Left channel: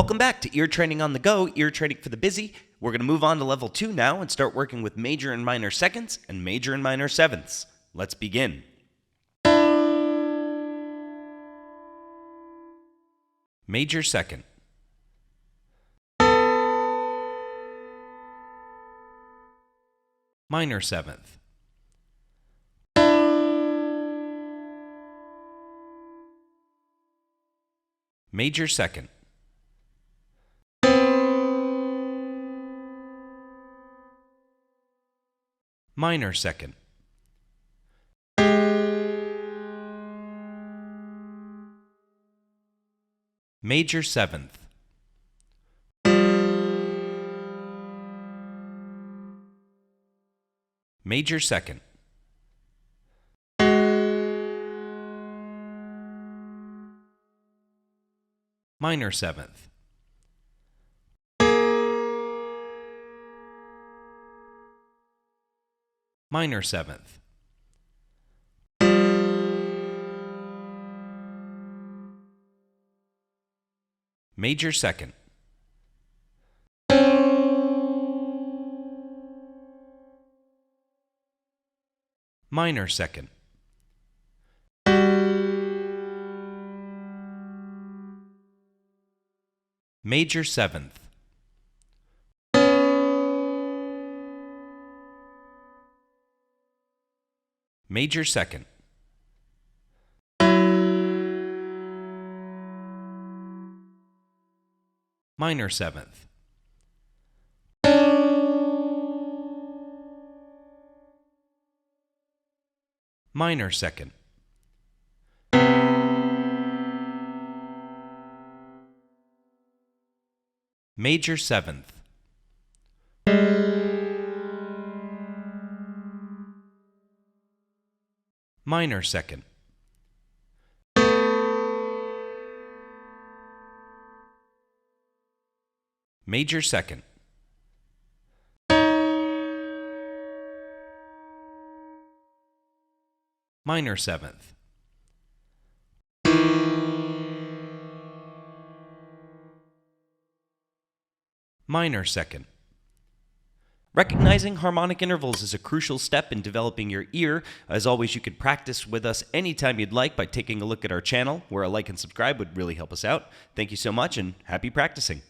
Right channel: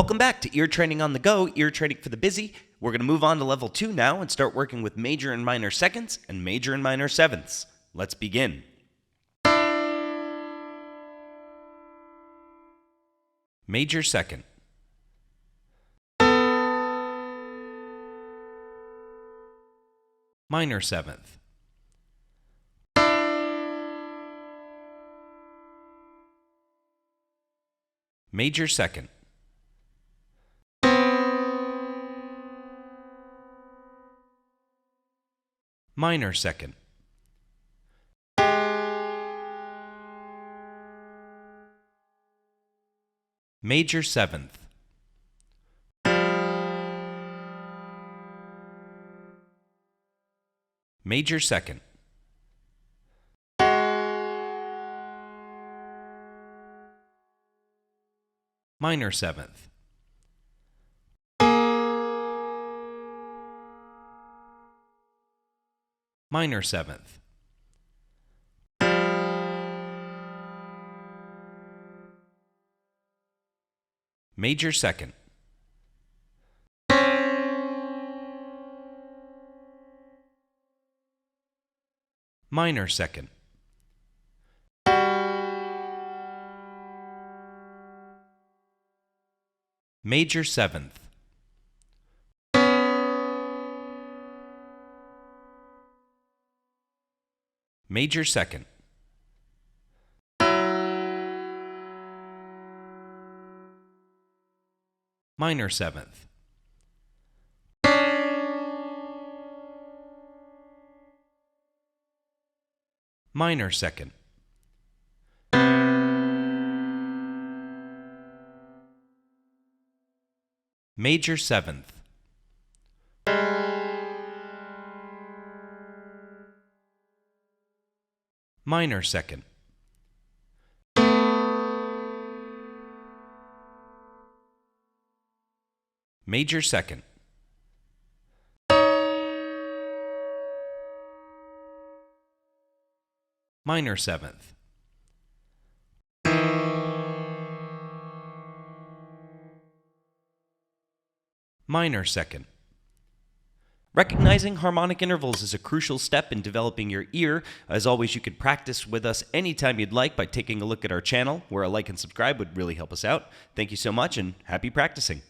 Welcome back to Ear Training on the Go, ear training for the busy. We're going to move on to level 2 now and start working with major and minor seconds and major and minor sevenths. Let's begin. Major second. Minor seventh. Major second. Minor second. Major seventh. Major second. Minor seventh. Minor seventh. Major second. Minor second. Major seventh. Major second. Minor seventh. Minor second. Major seventh. Minor second. Major second. Minor seventh. Minor second. Recognizing harmonic intervals is a crucial step in developing your ear. As always, you can practice with us anytime you'd like by taking a look at our channel, where a like and subscribe would really help us out. Thank you so much and happy practicing.